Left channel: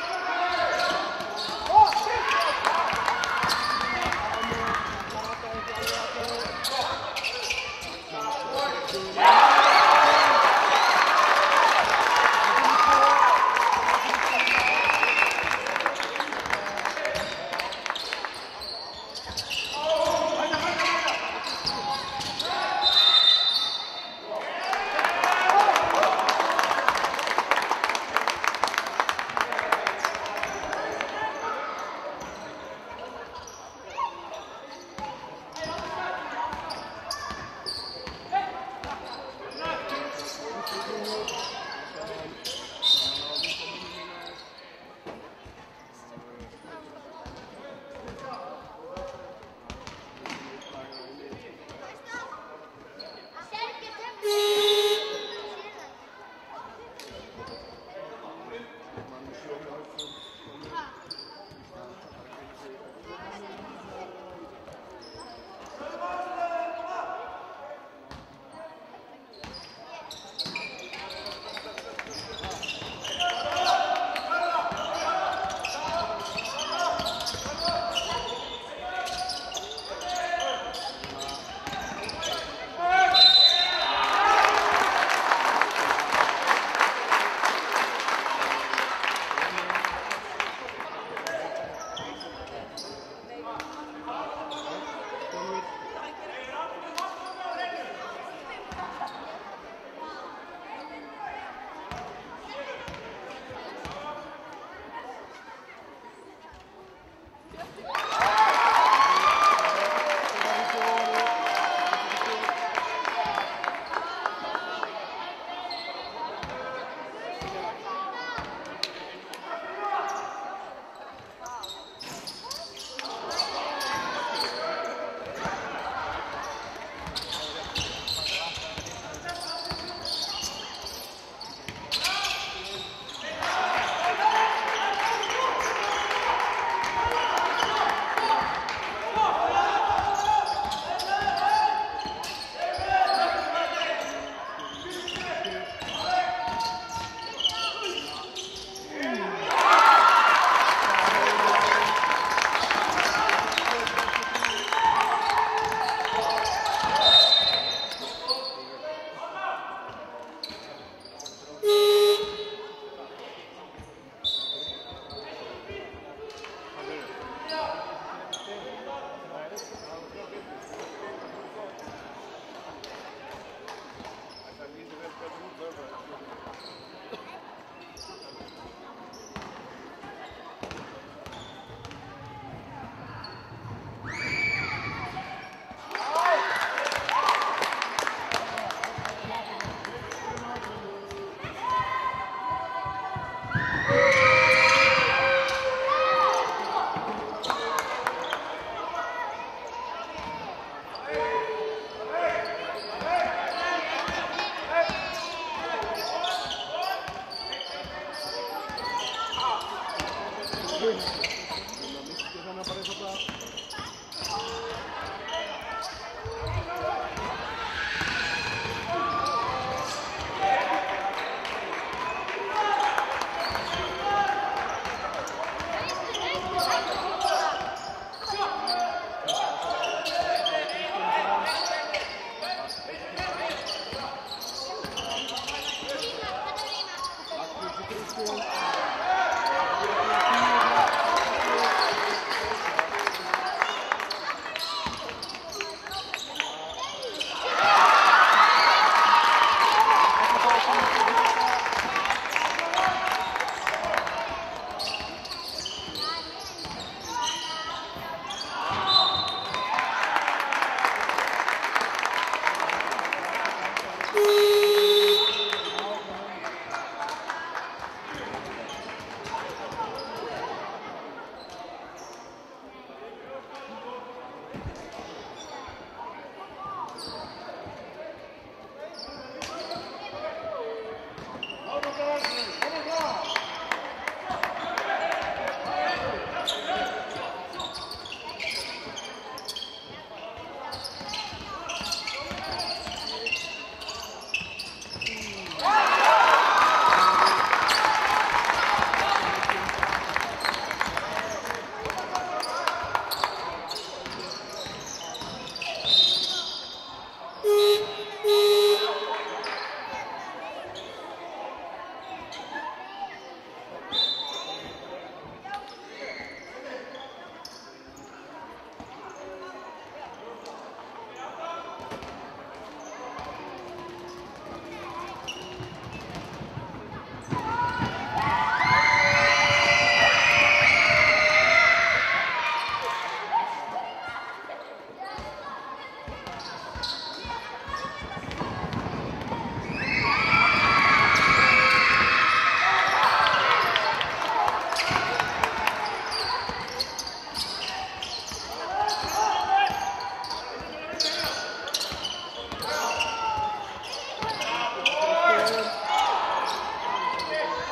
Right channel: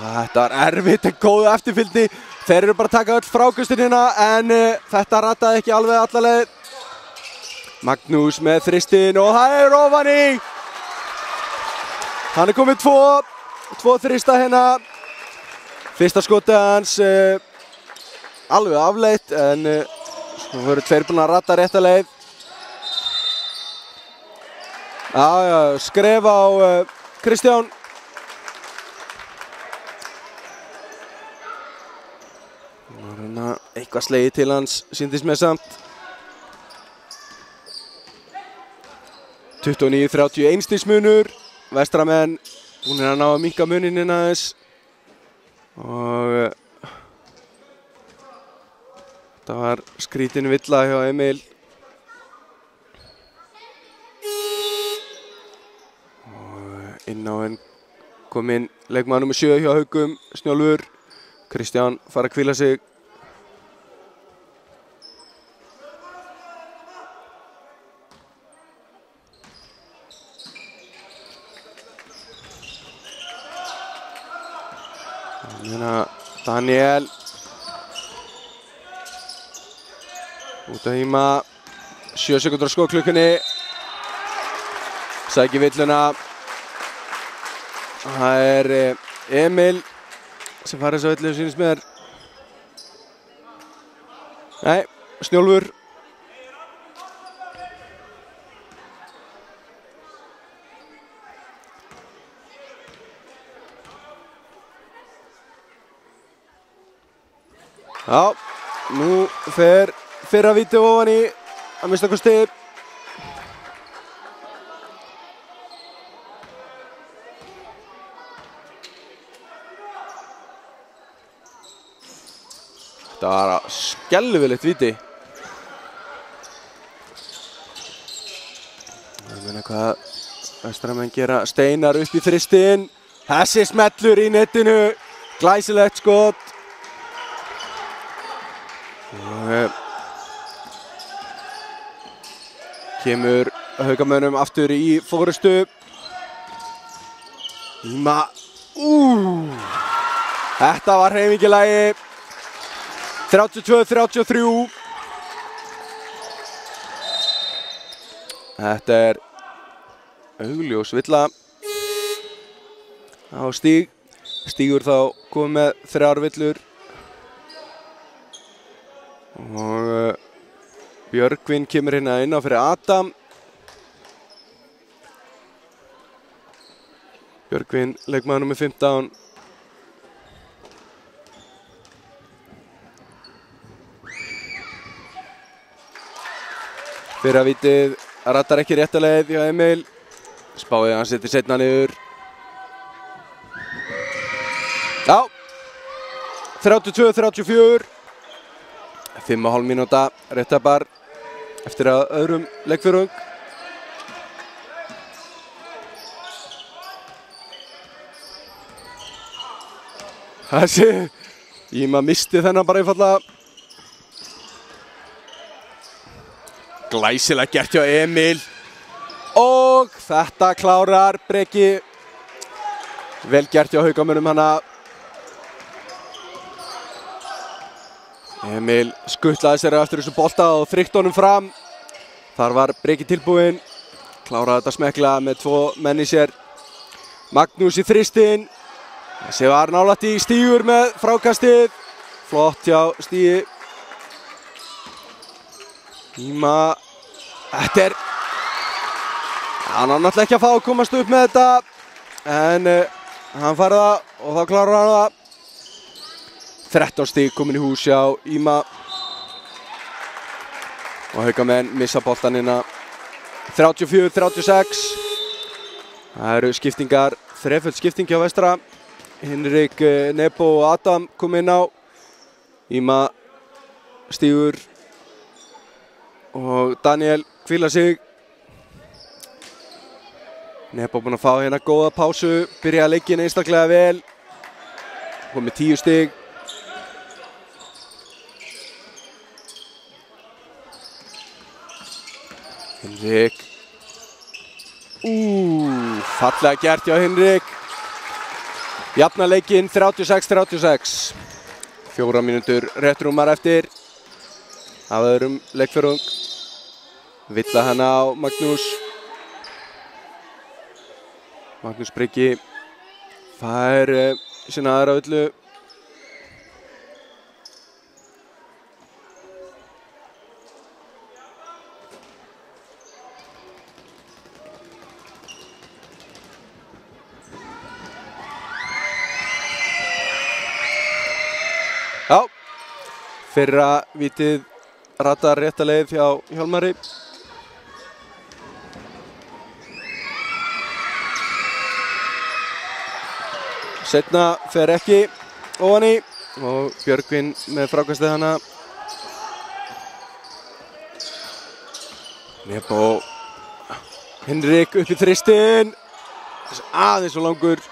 Þetta erfitt en góð eftirfylgni. Þeir eru bara að taka öll frákastunina en þetta rataði ekki alveg alla leið. Magnús með þristinn og hægur ofan í. Hann komið tvo þrista hérna. Fyrsta skotið hans alveg afleitt en það voru tveir búin að rata rétta leið. Skref á Kristján. Eitthvað slegið til hans, sýndist mér samt. 29-31 stigs munur. Vestramenn búnir að ná að minnka muninn aðeins. Og þetta var skrítin villa hjá Emil. Og inn á henn kom inn leikmaður nr. 7 hjá Haugum, Snjólfur. Kristján fara að hvíla sig. Daniel út að híma 7 sekúndur á skotklukkunni sækir villuna það Emil sem fara þess að villu sýnist mér nei, Snjólfur Já, nú fer fyrra víti ofan í að mista kosti. Það var skelfilegt víti. Ég meina hvað vestramenn gera. Steinar upp í þristinn. Þessi smellur í netinu. Glæsilegt skot. Kemur Haukamönnum aftur í fórustu. Íma. Þetta var hreyfingilagi. 32-33. Þetta er augljós villa á Stíg. Stígur þá komið með 3 villur. Og Björgvin kemur hérna inn á fyrir Adam. Björgvin, leikmaður nr. 15. Fyrra vítið rattar ekki rétta leið hjá Emil. Spáði hann setur seinna niður. Já, 32-34. 5,5 mínúta réttabær eftir að öðrum leikförum. Þessi, Íma misti þennan bara einfallega. Glæsilega gert hjá Emil. Og þetta klárar Breki. Vel gert hjá Haukamönnum hana. Emil skuttlaði sér eftir þessu bolta og þrykkt honum fram. Þar var Breki tilbúinn. Kláraði þetta smekklega með 2 menn í sér. Magnús í þristinn. Þessi var nálægt í Stígur með frákastið. Flott hjá Stígi. Íma. Þetta er... Hann var náttúrulega ekki að fá að komast upp með þetta. En hann fær það og þá klárar hann það. 13 stig komin í hús hjá Íma. Og Haukamenn missa boltan hérna. 34-36. Það eru skiptingar, þreföld skipting hjá vestra. Hinrik, Nebo og Adam kom inn á. Íma, Stígur og Daniel hvíla sig. Nebo búinn að fá hérna góða pásu. Byrjaði leikinn einstaklega vel. Kom með 10 stig. Hinrik. Fallega gert hjá Hinrik. Jafna leikinn 36-36. 4 mínútur rétt rúmar eftir af öðrum leikfjórðung. Villa hana á Magnús. Magnús Breki fær sína aðra villu. Já, fyrra vítið ratar rétta leið hjá Hjálmari. Seinna fer ekki ofan í og Björgvin með frákastið hana. Nebo Henrik upp í þristinn. Aðeins og langur.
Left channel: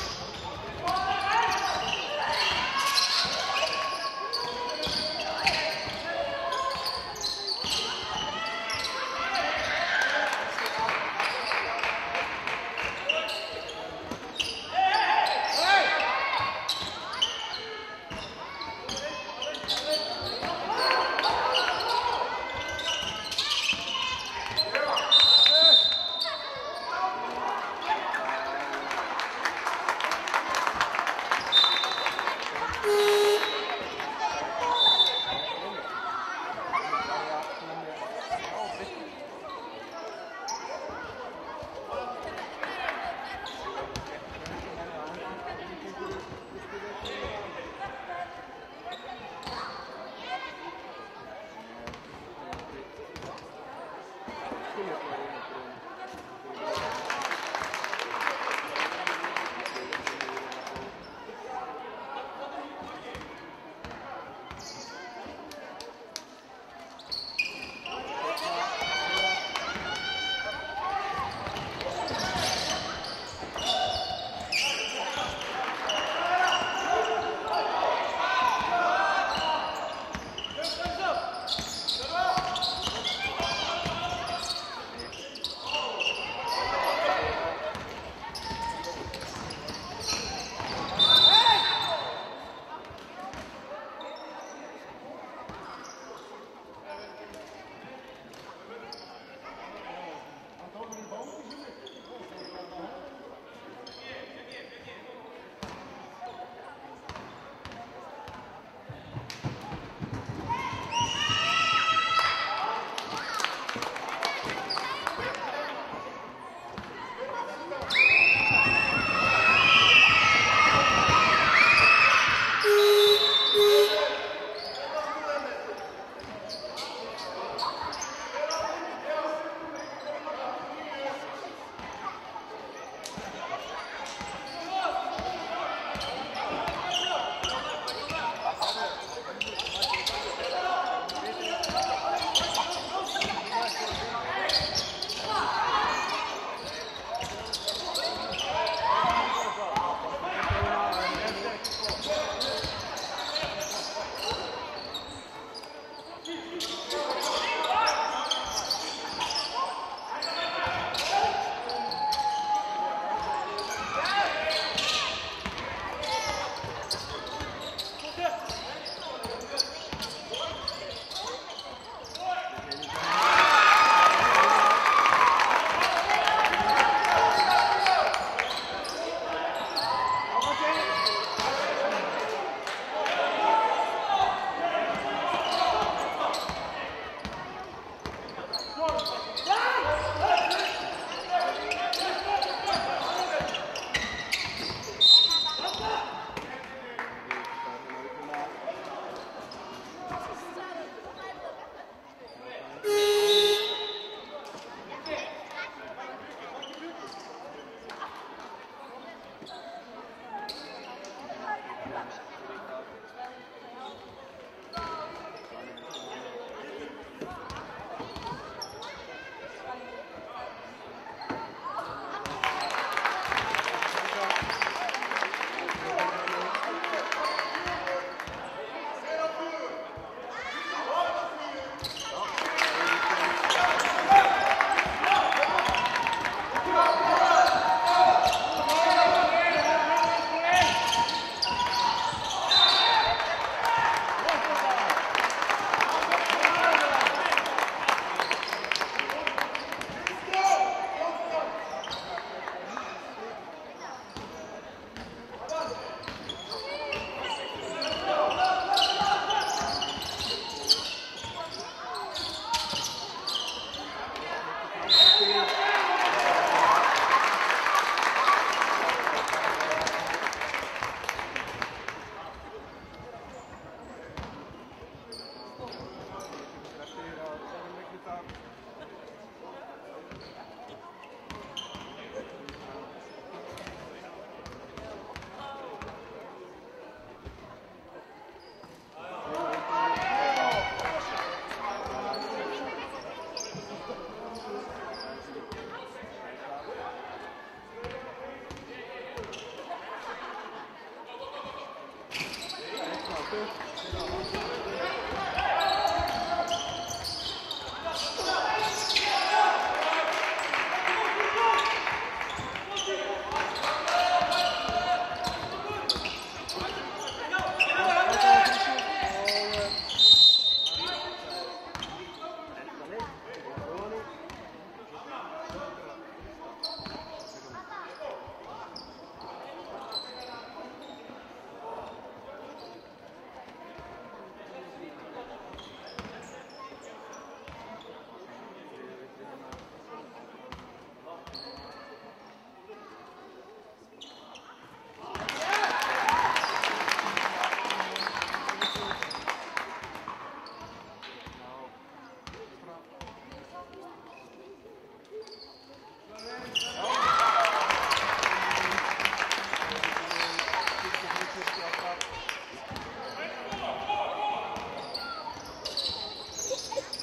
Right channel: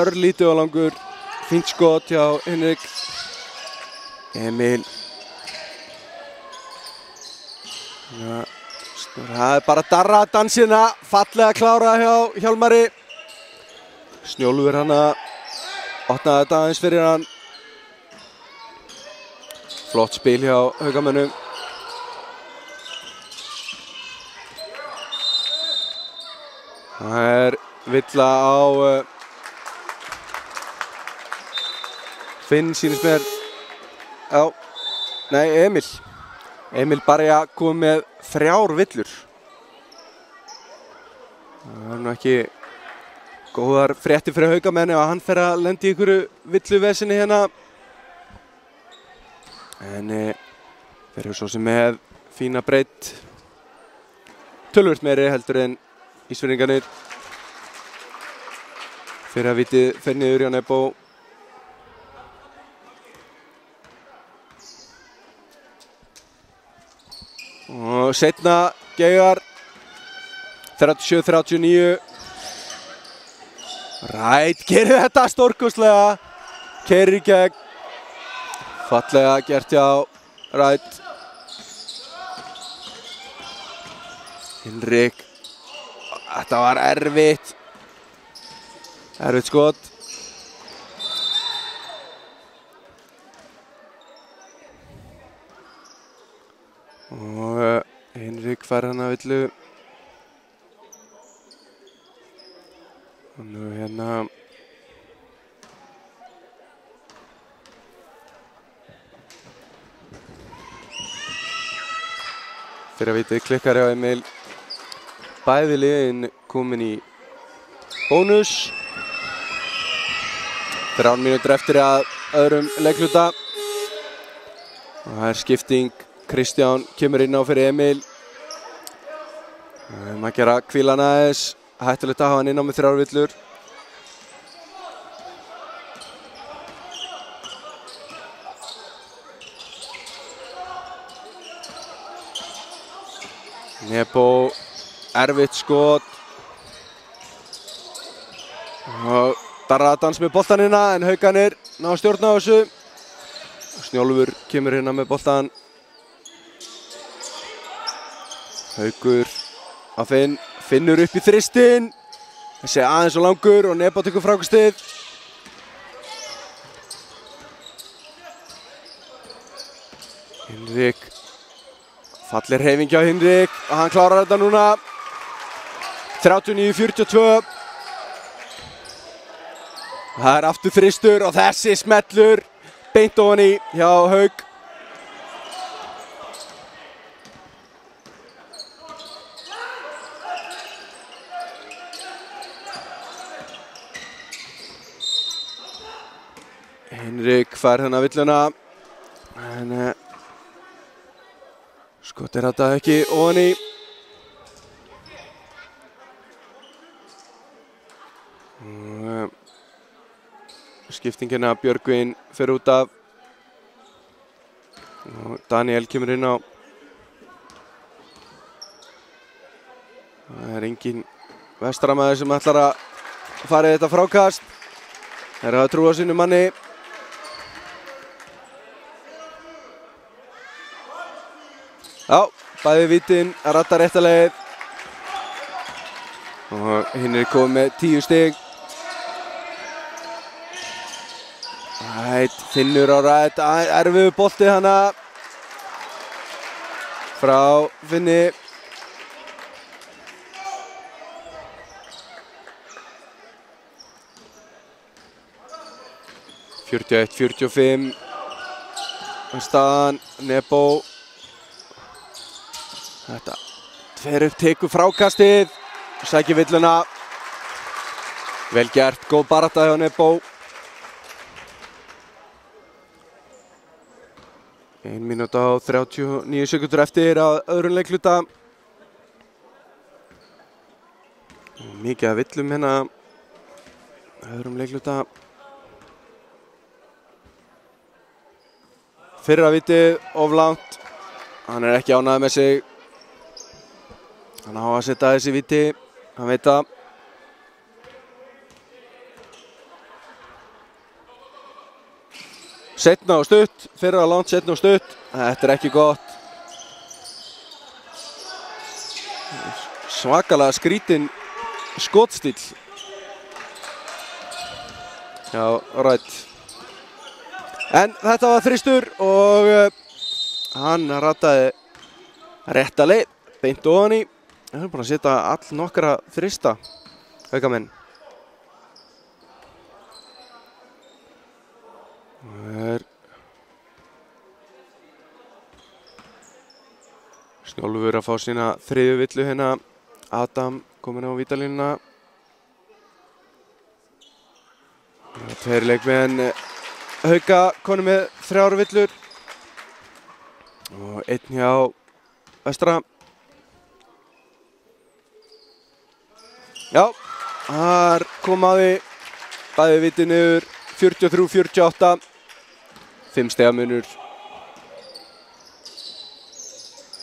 Örlítið og langur. Fínt skot hjá Henrik. Emil. Það er bara darra dansina. Fallega klárað hjá Hjálmari. Snjólfur hana. Opnaði þetta aðeins fyrir hann. Flott spil hjá Haukamönnum. Það er Villa á Finn sýnist mér. Já, nei, Emil. Emil Barja kom með 3 villur. Það er nú ekki góðar fréttir fyrir Haukamenn ef hann fer að lenda í einhverju villuvesinni hérna. En þeir eru svo sem með fína breidd. Töluvert meiri heldur en Ísfirðingarnir. Fyrir að vitið fer niður hjá Nebo. Og seinna Geigar 37-39. Rætt gerir þetta stórkostlega. Keyrir í gegn. Fallega gert hjá Rætt. Henrik. Þetta var erfitt. Erfitt skot. Og Henrik fær hana villu. Og nú hérna fyrir að vitið klikkar hjá Emil. Bæði liðin komin í bónus. 3 mínútur eftir að öðrum leikhluta. Það er skipting. Kristján kemur inn á fyrir Emil. Að gera hvílan aðeins. Hættulegt að hafa hann inn á með 3 villur. Nebo, erfitt skot. Og darraðadans með boltan hérna en Haukarnir ná að stjórna á þessu. Snjólfur kemur hérna með boltan. Haukur að Finn. Finnur upp í þristinn. Þessi aðeins og langur og Nebo tekur frákastið. Henrik. Falleg hreyfing hjá Henrik. Hann klarar þetta núna. 39-42. Það er aftur þristur og þessi smellur beint ofan í hjá Hauk. Henrik fær hérna villuna. En skotir þetta ekki ofan í. Skiptingina Björgvin fer út af. Og Daniel kemur inn á. Það er engin vestramaður sem ætlar að fara í þetta frákast. Þeir hafa trú á sínu manni. Já, bæði vítin að ratta rétta leið. Og hinn er komið með 10 stig. Finnur á rætt, erfiður bolti hana frá Finni. (41, 45) staðan, Nebo. Þetta fer upp, tekur frákastið, sækir villuna. Vel gert, góð barátta hjá Nebo. 1 mínúta og 39 sekundur eftir að öðrum leikluta. Mikið að villum hérna öðrum leikluta. Fyrra vitið of langt. Hann er ekki ánægður með sig. Hann á að setja þessi viti, hann veit það. Seinna og stutt, fyrra langt, seinna og stutt. Þetta er ekki gott. Svakalega skrítinn skotstíll. Já, rætt. En þetta var þristur og hann rataði rétta leið, beint ofan í. Hann er búinn að setja all nokkra þrista, haukamenn. Snjólfur að fá sína þriðju villu hérna. Adam kominn á vítalínuna. Tveir leikmenn Hauka konum með 3 villur. Og einn hjá Vestra. Já, þar kom að því. Bæði viti niður, 43-48. 5 stiga munur.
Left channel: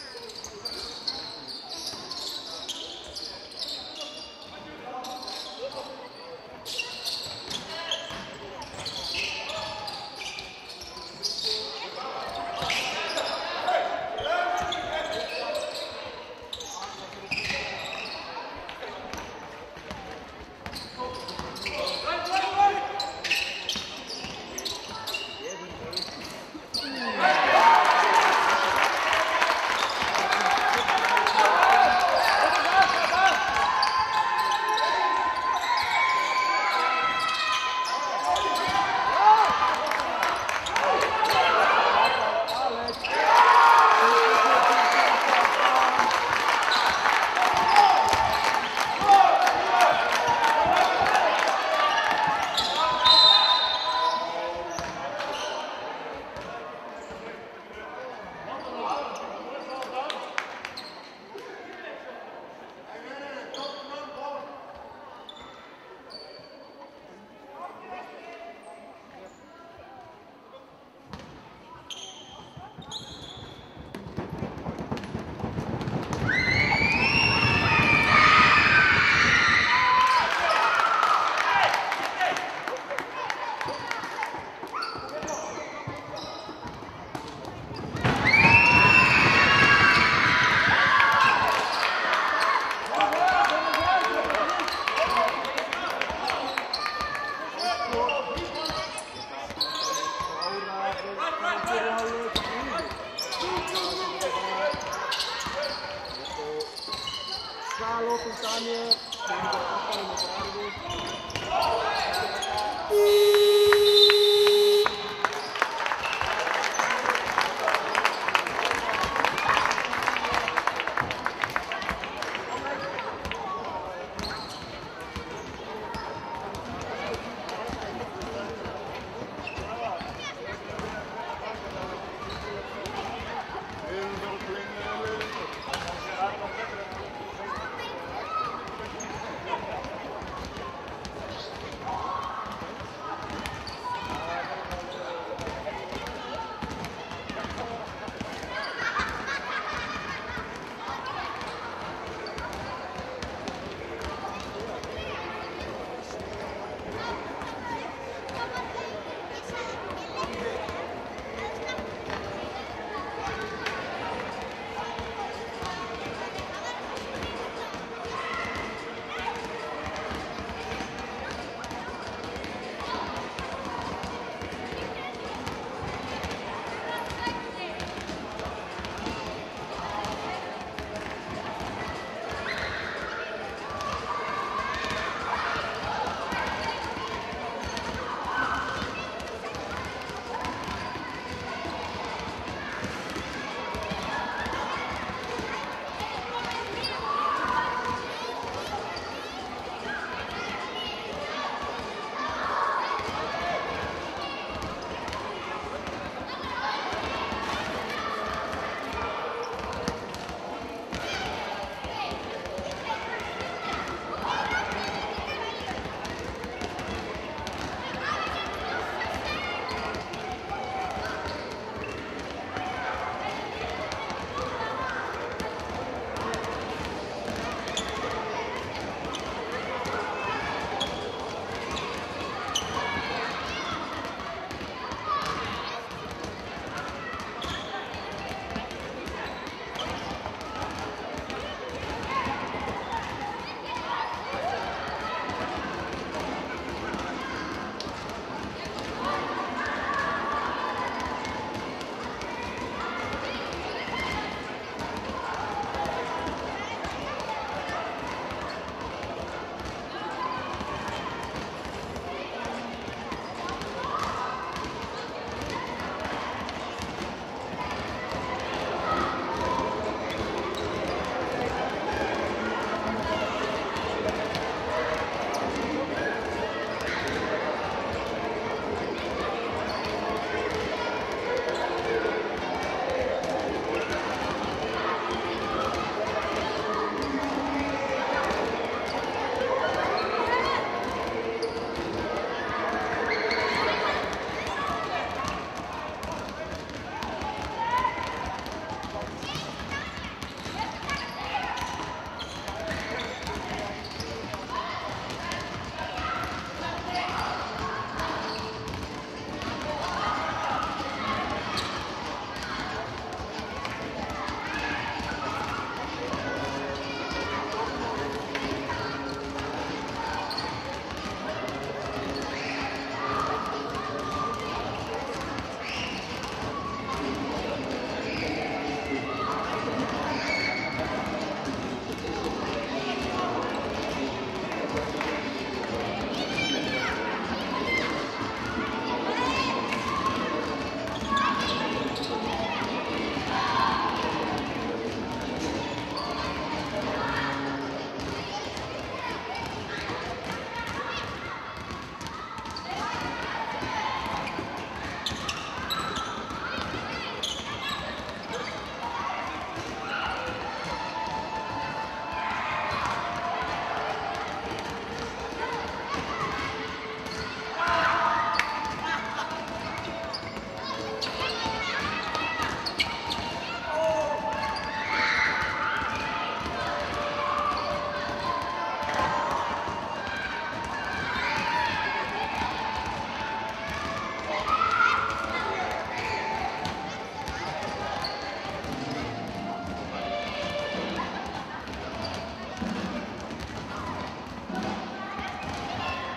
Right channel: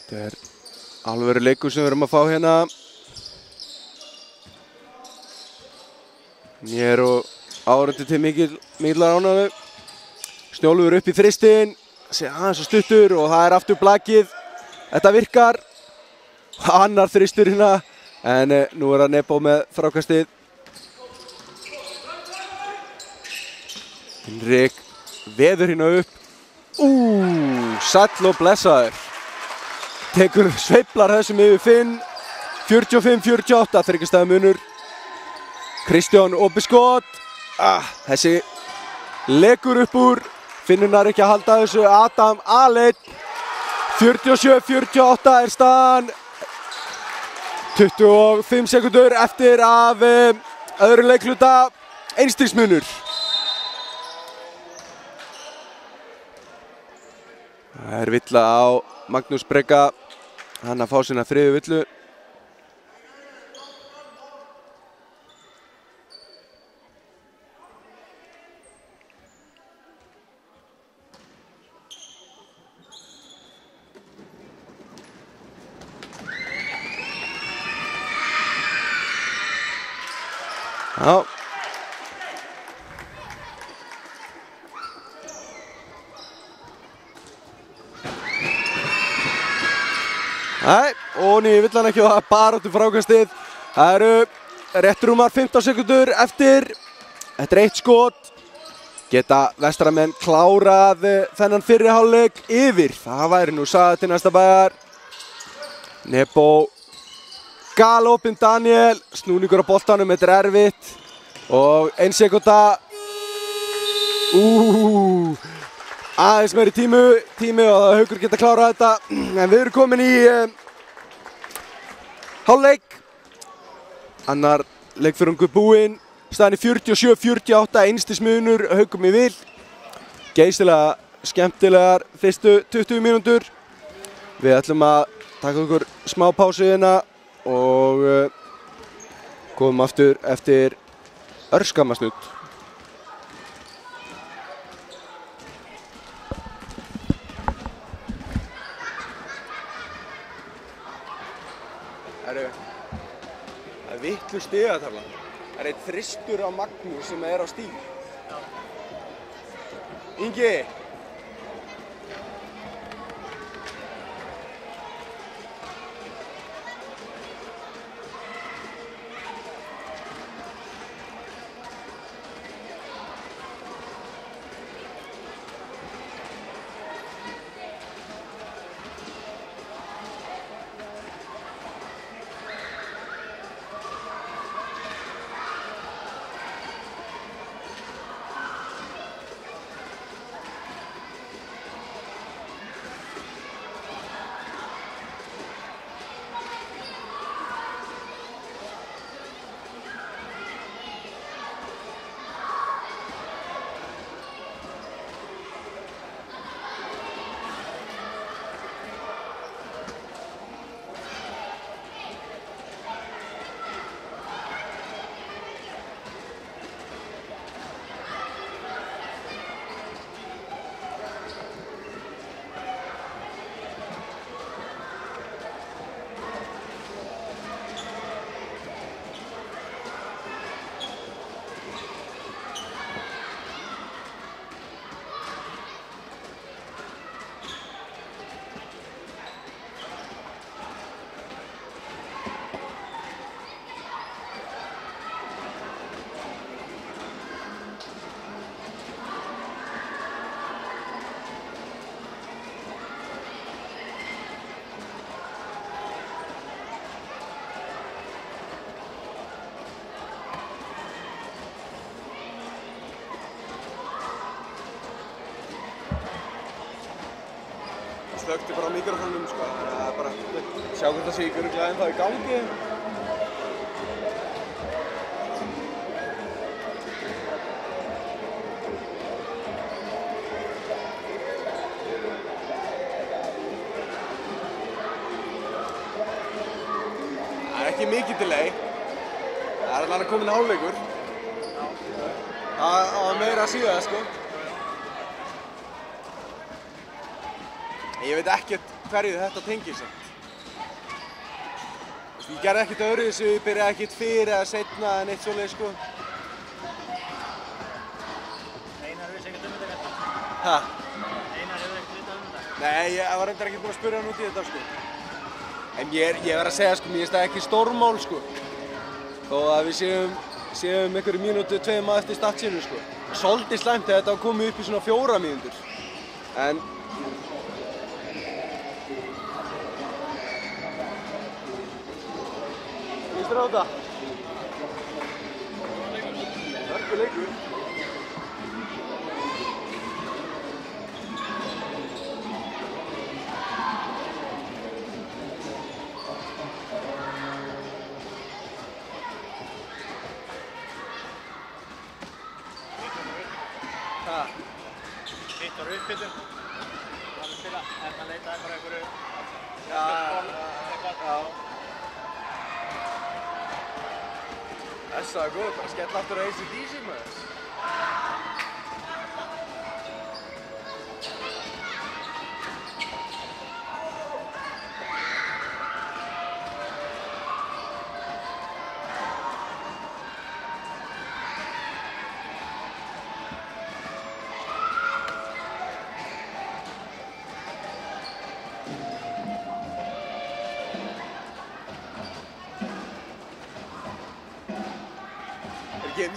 Þetta er alvöru leikur sem við erum að fá hérna. Mér og áhorfendur til mikil ánægju. Snjólfur upp í þristinn, sé aðeins og stuttur og það er aftur blakið. Þetta virkar. Annar þristur hérna, en nú er það Nebo með frákastið. Henrik veður hérna upp. Sæll og blessaður. Tekur sveiflar þessum yfir Finn. 45-48, 3 stiga munur. Kristján opið skot. Þessi legur upp úr. Finnunar ekki að halda þessu. Adam aleinn. 47-48 er staðan. 25 sekundur eftir af öðru leikluta. 1 stigs munur. Það er villa á Magnús Brega. Hann að fá sína 3. villu. Já. Nei, og ný vill hann ekki og það er bara út í frákastið. Það eru rétt rúmar 15 sekundur eftir. Þetta er 1 skot. Geta Vestramenn klárað þennan fyrri hálfleik yfir. Það væri nú sagði til næsta bæjar. Nebo galopinn Daniel. Snúningur á boltanum, þetta er erfitt. Og 1 sekúnda. Aðeins meiri tími og Haukur geta klárað þetta. En við erum komin í hálfleik. Annar leikþörungur búinn. Staðan í 47-48, 1 stigs munur, Haukum í vil. Geysilega skemmtilegar fyrstu 20 mínútur. Við ætlum að taka okkur smá pásu hérna og komum aftur eftir örskamma stund. Það er vitlu stiga þarna. Það er einn þristur á Magnús sem er á stíl. Ingi! síðan, sko. Ég veit ekkert hverju þetta tengir sig. Ég gerði ekkert öðruvísi, ég byrjaði ekkert fyrir eða seinna en eitt svoleið, sko. Ha? Nei, ég var reyndar ekki búinn að spyrja hann út í þetta, sko. En ég verð að segja, sko, mér finnst það ekki stórmál, sko. Þó að við séum einhverju mínútu, 2 eftir startsínu, sko. Svolítið slæmt að þetta var komið upp í svona 4 mínútur. En Hlustar á þetta? Ekki leikur. Þessa er góð, það skemmt aftur að AC/DC maður.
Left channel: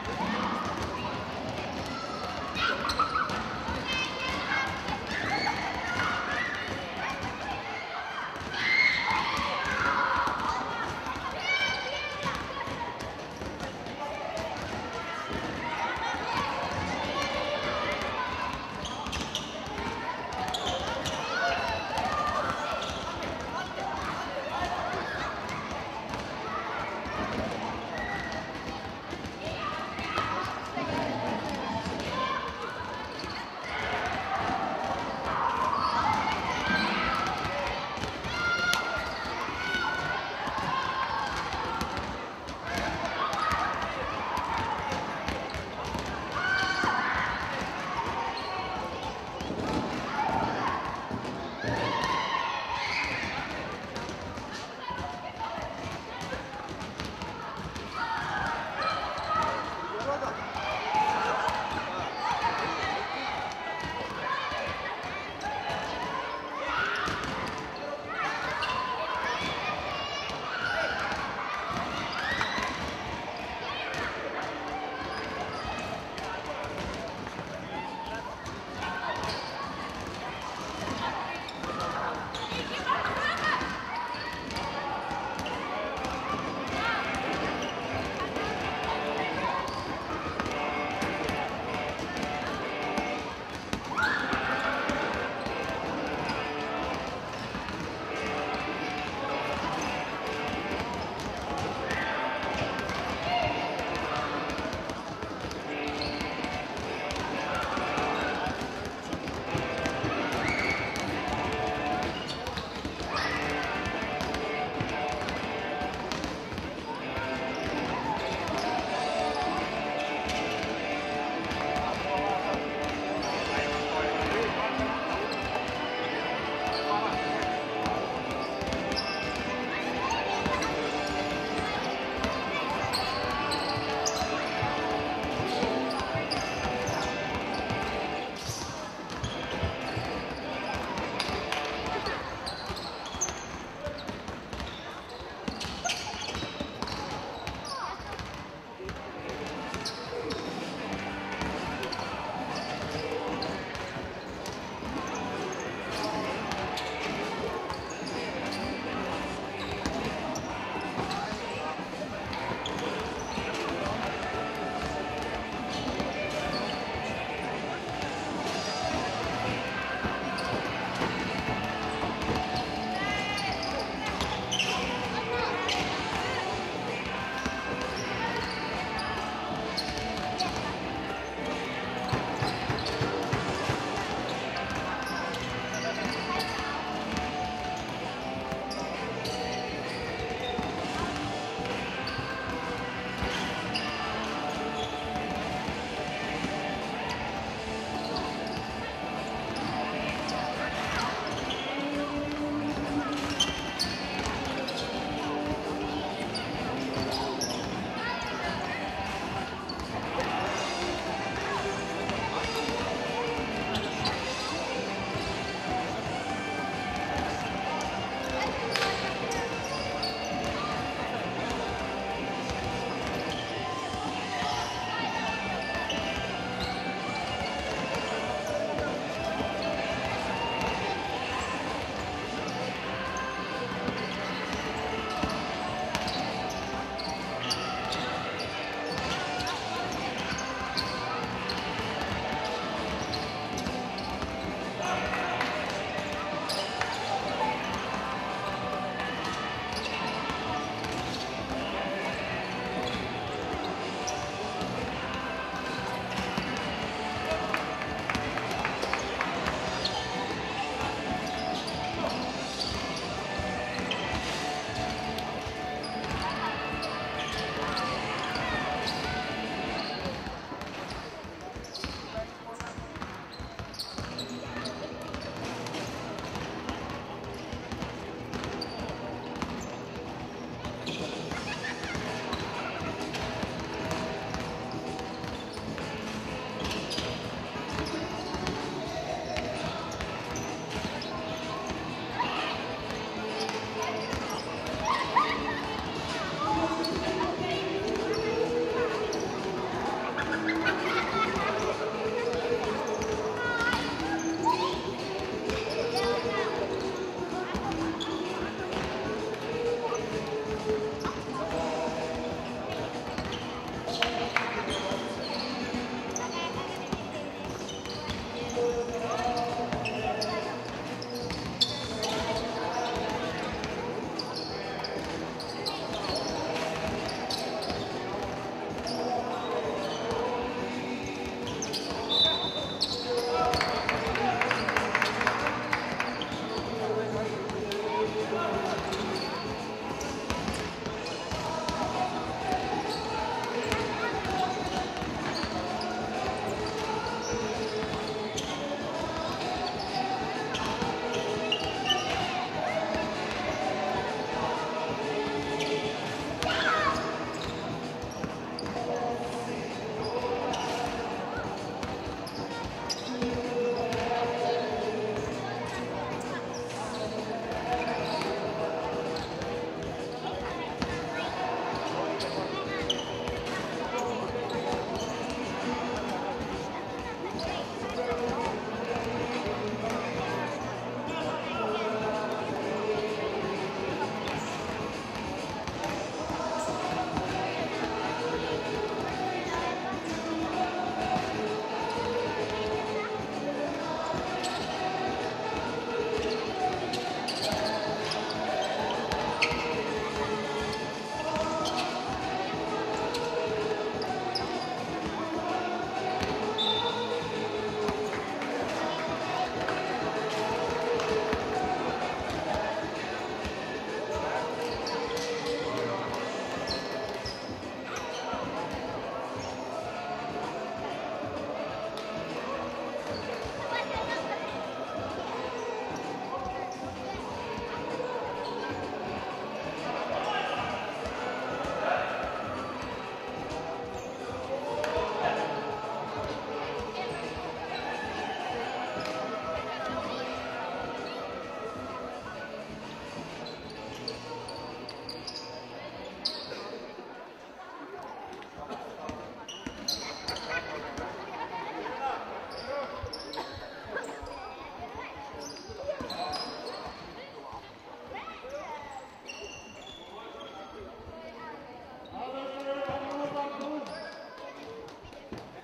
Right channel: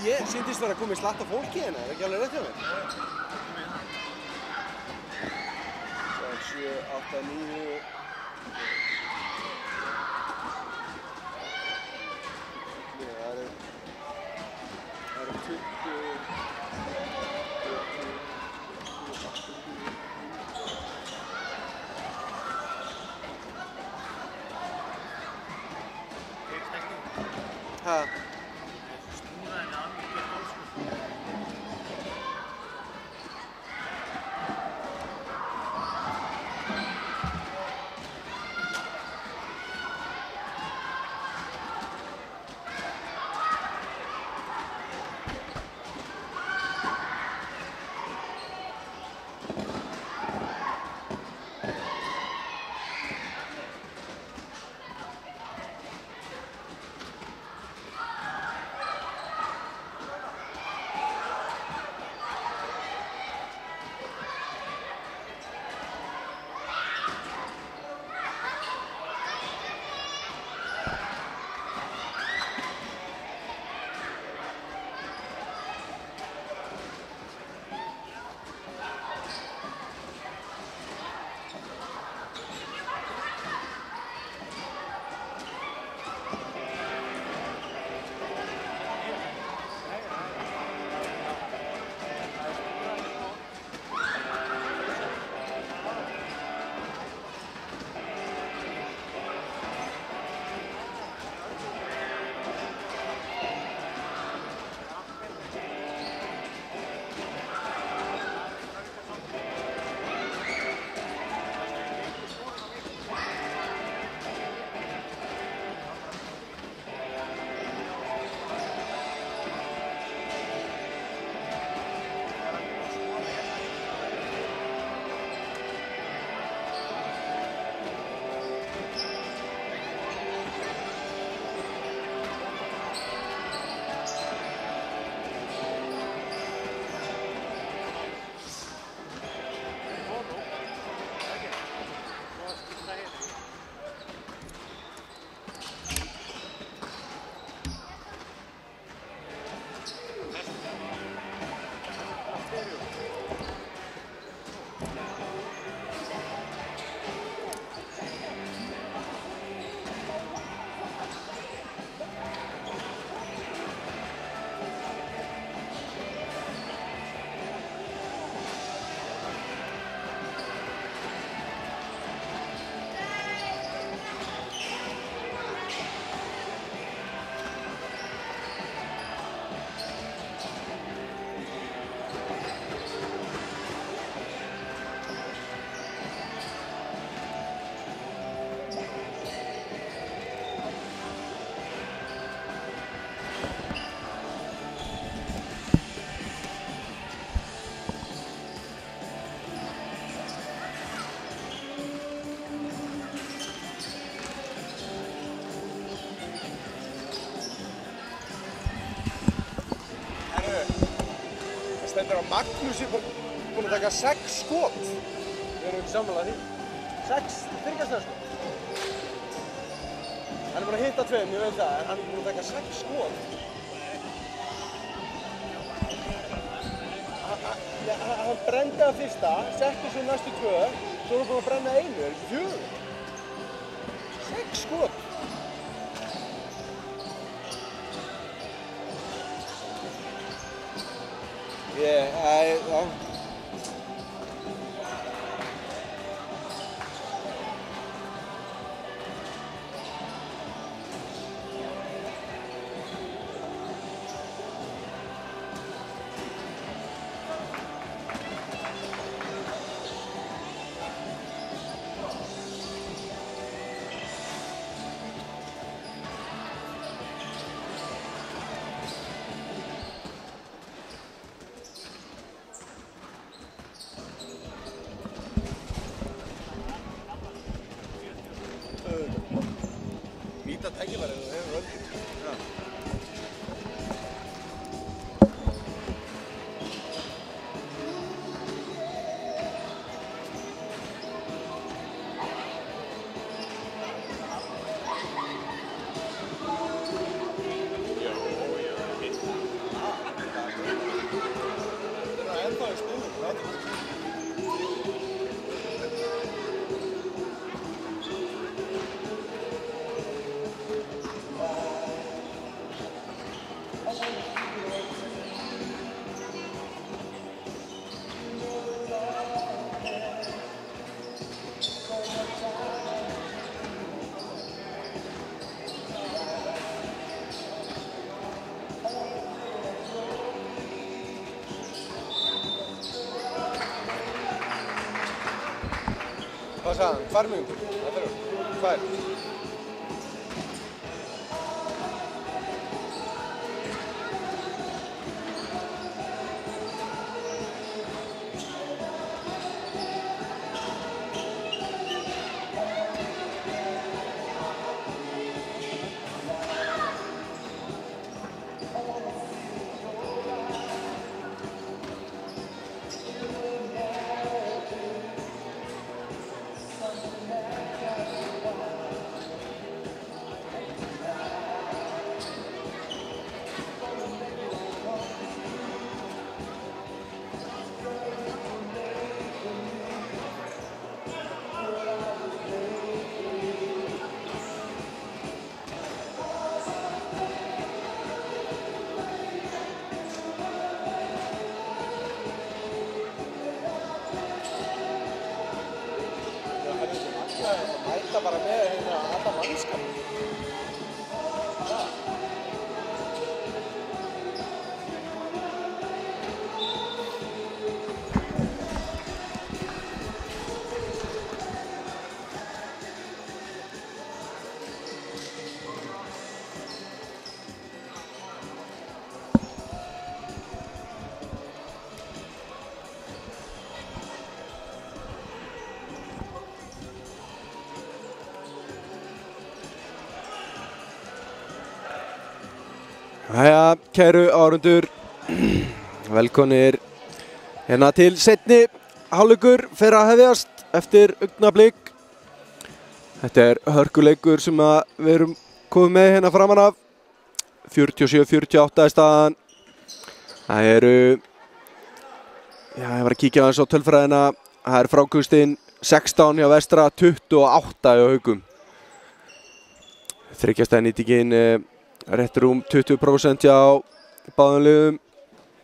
Ég syndist vera að koma í slatta fólki hérna, það er ekki alveg veit það. 7, 8, 9... Magnús er búinn að taka 6 skot. Við erum ekki sammála því. 6 þriggja. Hann er búinn að hitta 2, ég veit það, en hann er búinn að taka 6 skot. Hann brenndi að fyrsta, setti svo næstu 2, svo var hann að brenna 1, 4. 6 skot. Hvar nú? Hvar? Jæja, kæru áhorfendur, velkomnir hérna til seinni hálfleikur fer að hefjast eftir augnablik. Þetta er hörkuleikur sem við erum komið með hérna framan af. 47-48 er staðan. Það eru, ég var að kíkja aðeins á tölfræðina. Það er frákustinn 16 hjá Vestra, 28 hjá Haugum. Þriggja nýtingin rétt rúm 20% hjá báðum liðum.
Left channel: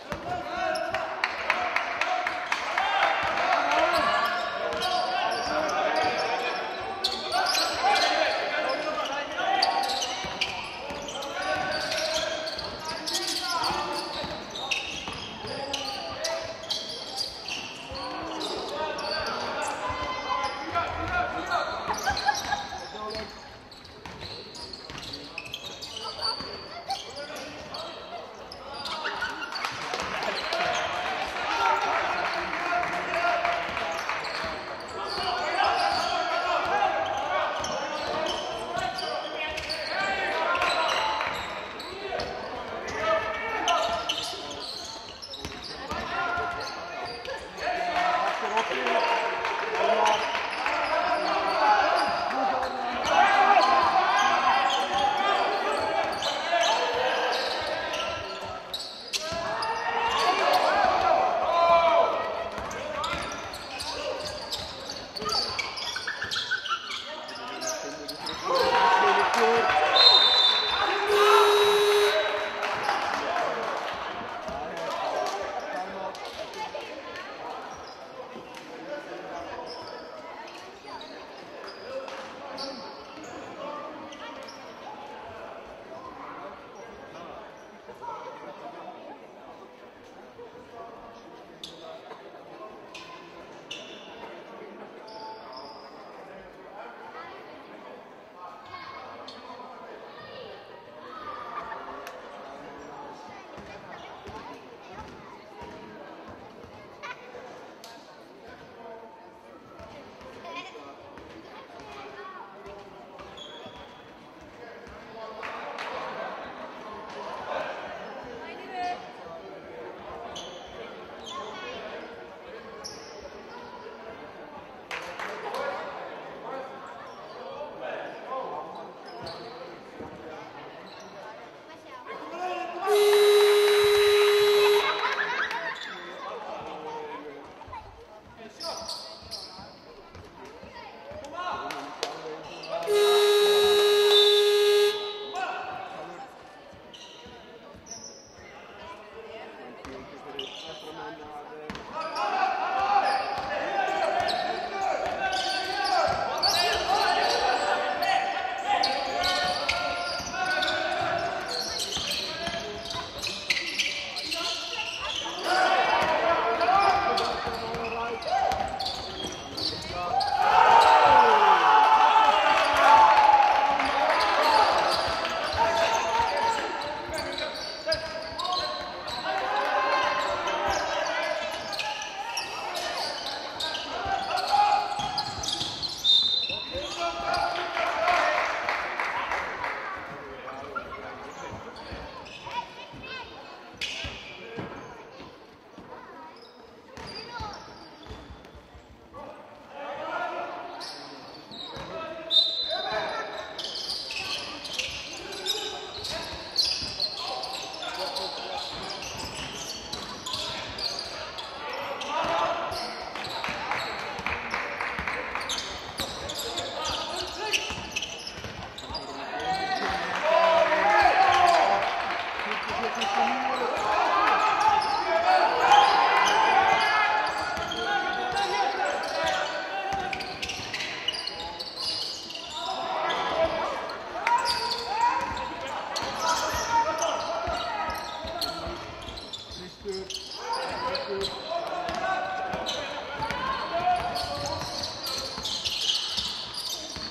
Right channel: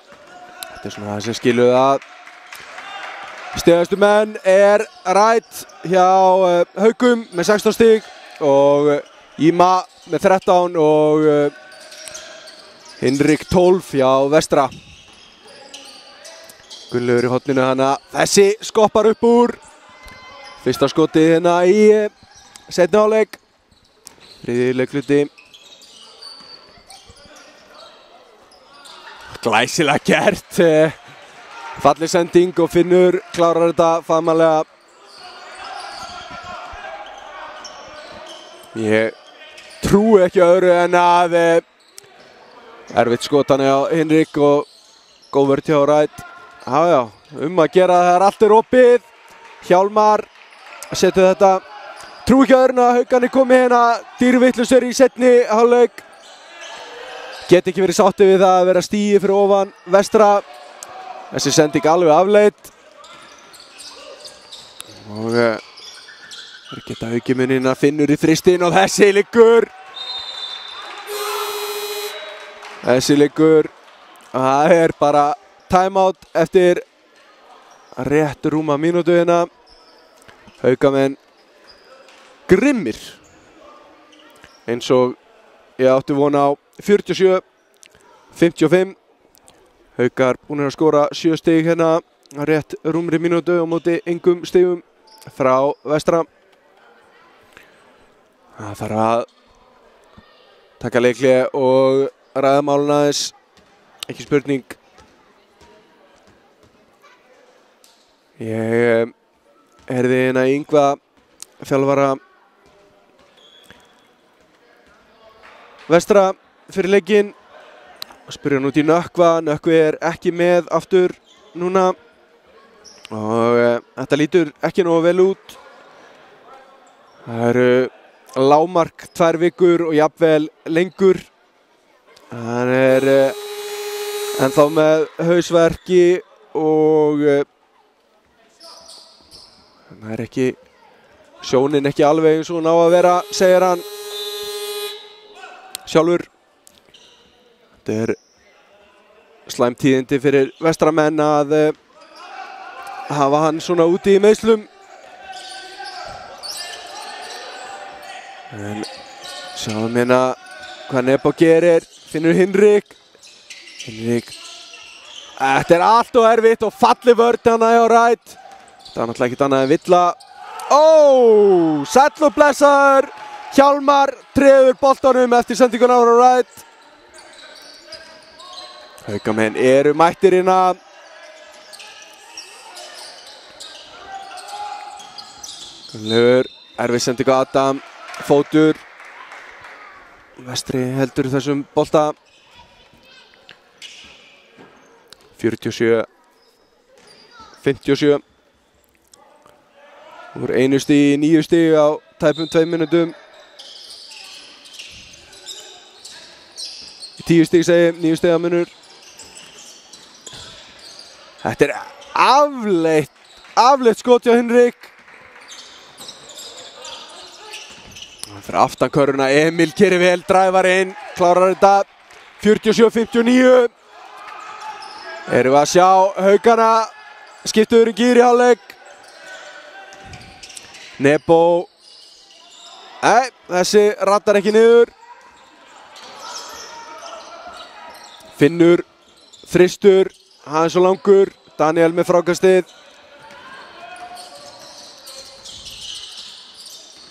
Þetta er svona það sem skilur það. Stigastu menn er Rætt hjá Haugum með 16 stig og Íma með 13 og Hinrik 12 hjá Vestra. Gunnlaugur í horninu hana. Þessi skoppar upp úr. Fyrsta skotið hérna í seinni hálfleik. Þriðji leikluti. Glæsilega gert. Falleg sending og Finnur klárar þetta faðmannlega. Ég trúi ekki öðru en að erfitt skotan hjá Hinrik og góð vörn hjá Rætt. Já, að gera það allt opið. Hjálmar setur þetta. Trú ekki öðrun að Haukarnir komi hérna dýrvitlausir í seinni hálfleik. Get ekki verið sáttið við það að vera stíi fyrir ofan Vestra. Þessi sending alveg afleitt. Og geta Haukimunina finnur í þristinn og þessi liggur. Það bara timeout eftir rétt rúma mínútu hérna. Haukamenn grimmir. Eins og ég átti von á 47-55. Haukar búnir að skora 7 stig hérna rétt rúmri mínútu á móti engum stigum frá Vestra. Það þarf að taka leikli og ræða málun aðeins, ekki spurning. Ég heyrði hérna Yngva þjálfara Vestra fyrir leikinn. Spyrja hann út í Nökkva. Nökkvi ekki með aftur núna. Og þetta lítur ekki nógu vel út. Það eru lágmark 2 vikur og jafnvel lengur. Hann ennþá með hausverki og hann ekki, sjónin ekki alveg eins og hún á að vera, segir hann sjálfur. Þetta slæm tíðindi fyrir Vestramenn að hafa hann svona úti í meiðslum. En sjáum hérna hvað Nebo gerir, finnur Hinrik. Þetta allt og erfitt og falli vörn hana hjá Rætt. Það var náttúrulega ekkert annað en villa. Sæll og blessaður. Hjálmar treður boltanum eftir sendinguna frá Rætt. Haukamenn eru mættir hérna. Erfið sendingu Adam, fótur. Vestri heldur þessum bolta. 47-57. Úr 1 stig í 9 stig á tæpum 2 mínútum. 10 stig segi, 9 stig á mínútu. Þetta afleitt skot hjá Hinrik. Fyrir aftan körfuna, Emil kerir vel, dræfar inn, klárar þetta. 47-59. Erum við að sjá Haukana skiptuður í gír í hálfleik. Nebo. Þessi rattar ekki niður. Finnur, þristur, hann svo langur. Daniel með frákastið.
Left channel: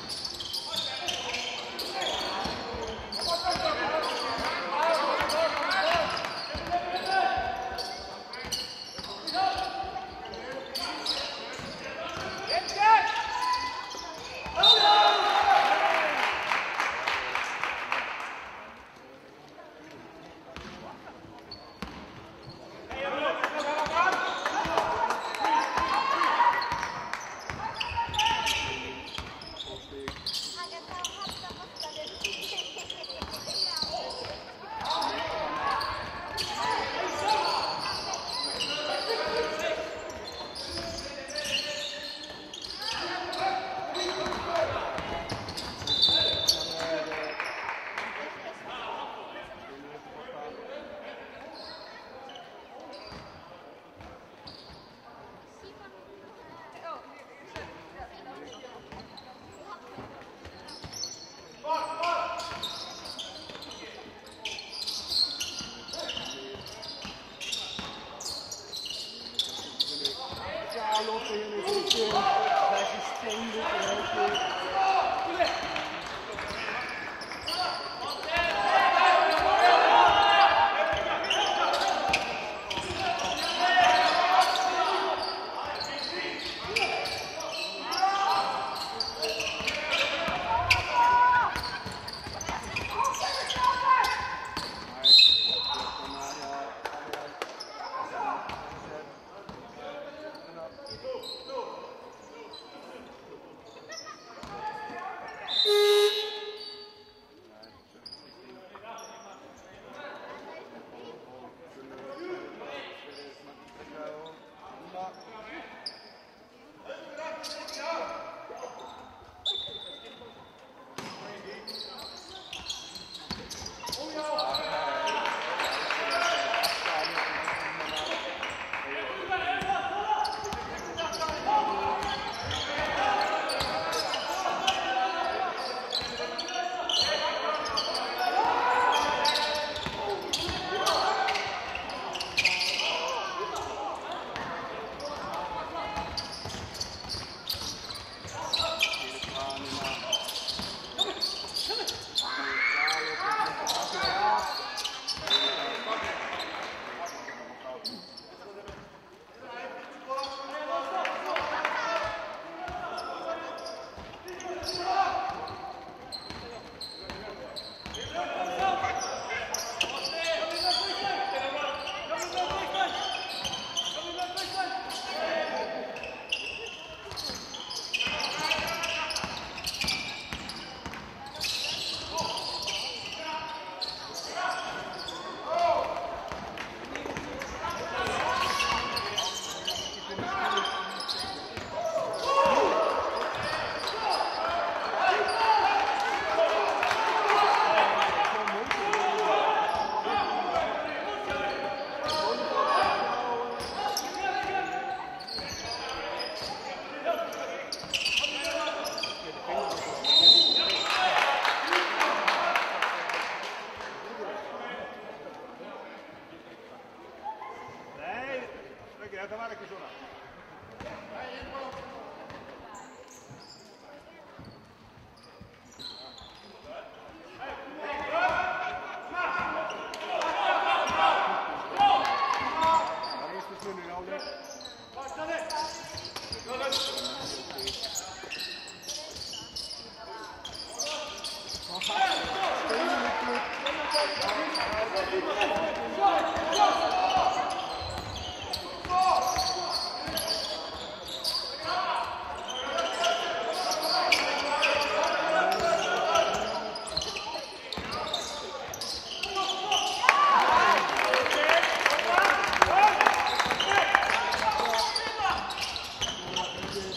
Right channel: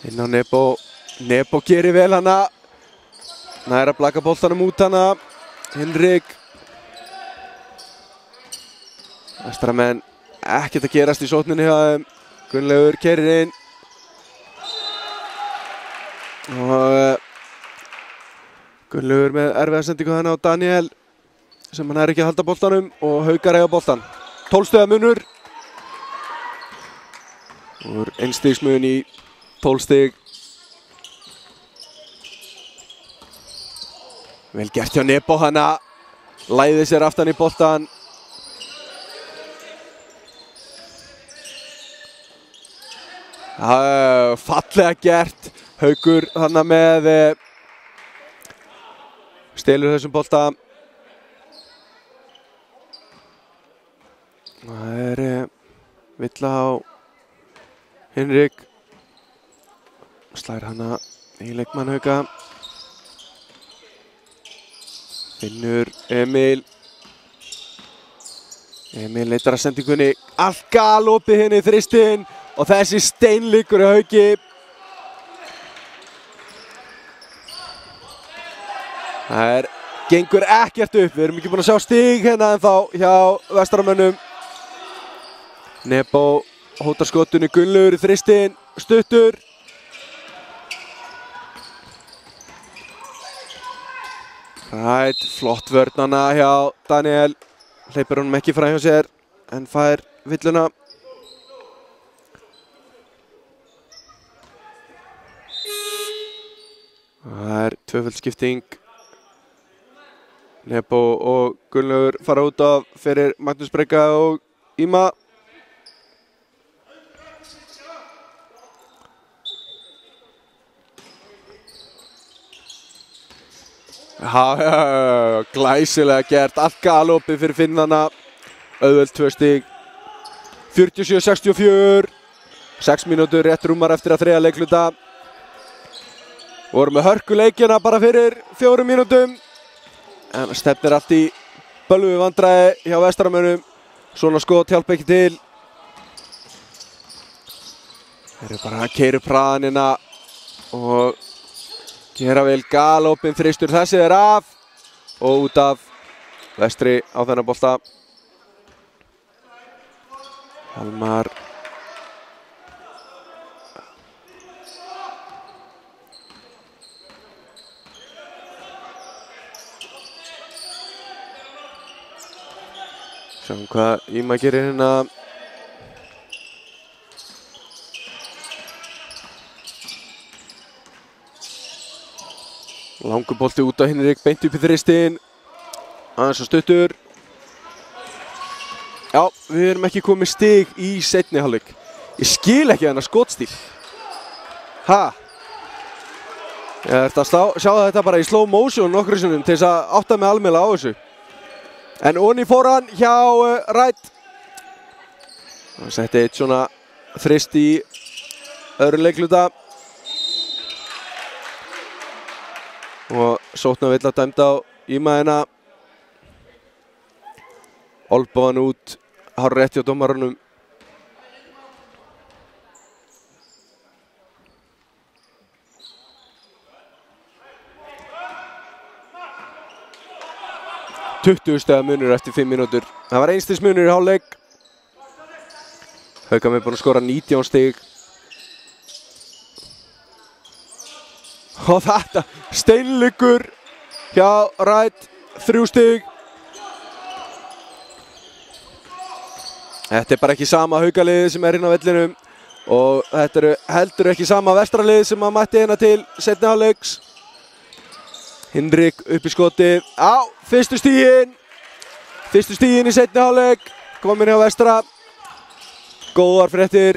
Inn á Nebo. Nebo gerir vel hana. Nær að blaka boltanum út hana. Hinrik. Vestramenn ekkert að gerast í sókninni hjá þeim. Gunnlaugur keyrir inn. Og Gunnlaugur með erfiða sendingu hana á Daniel sem hann ekki að halda boltanum og Haukar eiga boltan. 12 stiga munur. Úr 1 stigsmun í 12 stig. Vel gert hjá Nebo hana. Læði sér aftan í boltan. Fallega gert. Haukur hana með stelur þessum bolta. Það villa á Hinrik. Slær hana í leikmann Hauka. Finnur Emil. Emil leitar að sendingunni. Allt galopið henni í þristinn. Og þessi steinleikur í Hauki. Það gengur ekkert upp. Við erum ekki búin að sjá stig hérna ennþá hjá Vestramönnum. Nebo hótar skottunni, Gunnlaugur í þristinn, stuttur. Flott vörn hana hjá Daniel. Hleypir honum ekki frá hjá sér. en fær villuna. Það tvöföld skipting. Nebo og Gunnlaugur fara út af fyrir Magnús Breka og Íma. Glæsilega gert, allt galopið fyrir Finnana. Auðvelt 2 stig. 47-64. 6 mínútur rétt rúmar eftir að þriðja leikluta. Vorum með hörkuleikina bara fyrir 4 mínútum. En stefnir allt í bölvu vandræði hjá Vestaramönnum. Svona skot hjálpa ekki til. Þeir eru bara að keyra upp hraðanina og gera vel galopinn þristur. Þessi er af og út af Vestri á þennan bolta. Hólmar. Sjáum hvað Íma gerir hérna. Langur bolti út á Hinrik, beint upp í þristinn. Aðeins og stuttur. Já, við erum ekki komið stig í seinni hálfleik. Ég skil ekki þennan skotstíl. Ég ætti að sjá þetta bara í slow motion nokkru sinnum til þess að átta mig almennilega á þessu. En onni fór hann hjá Rætt. Það setti eitt svona þrist í öðru leikluta. Og sóknarvilla dæmd á Íma hérna. Olboðan út, hárrétt hjá dómarunum. Stiga munur eftir 5 mínútur. Það var 1 stigs munur í hálfleik. Haukar búinn að skora 19 stig. Og þetta steinleikur hjá Rætt, 3 stig. Þetta er bara ekki sama Haukaliðið sem er hérna á vellinum og þetta eru heldur ekki sama Vestraliðið sem að mætti hérna til seinni hálfleiks. Hinrik upp í skoti. Fyrstu stigin í seinni hálfleik. Komin hjá Vestra. Góðar fréttir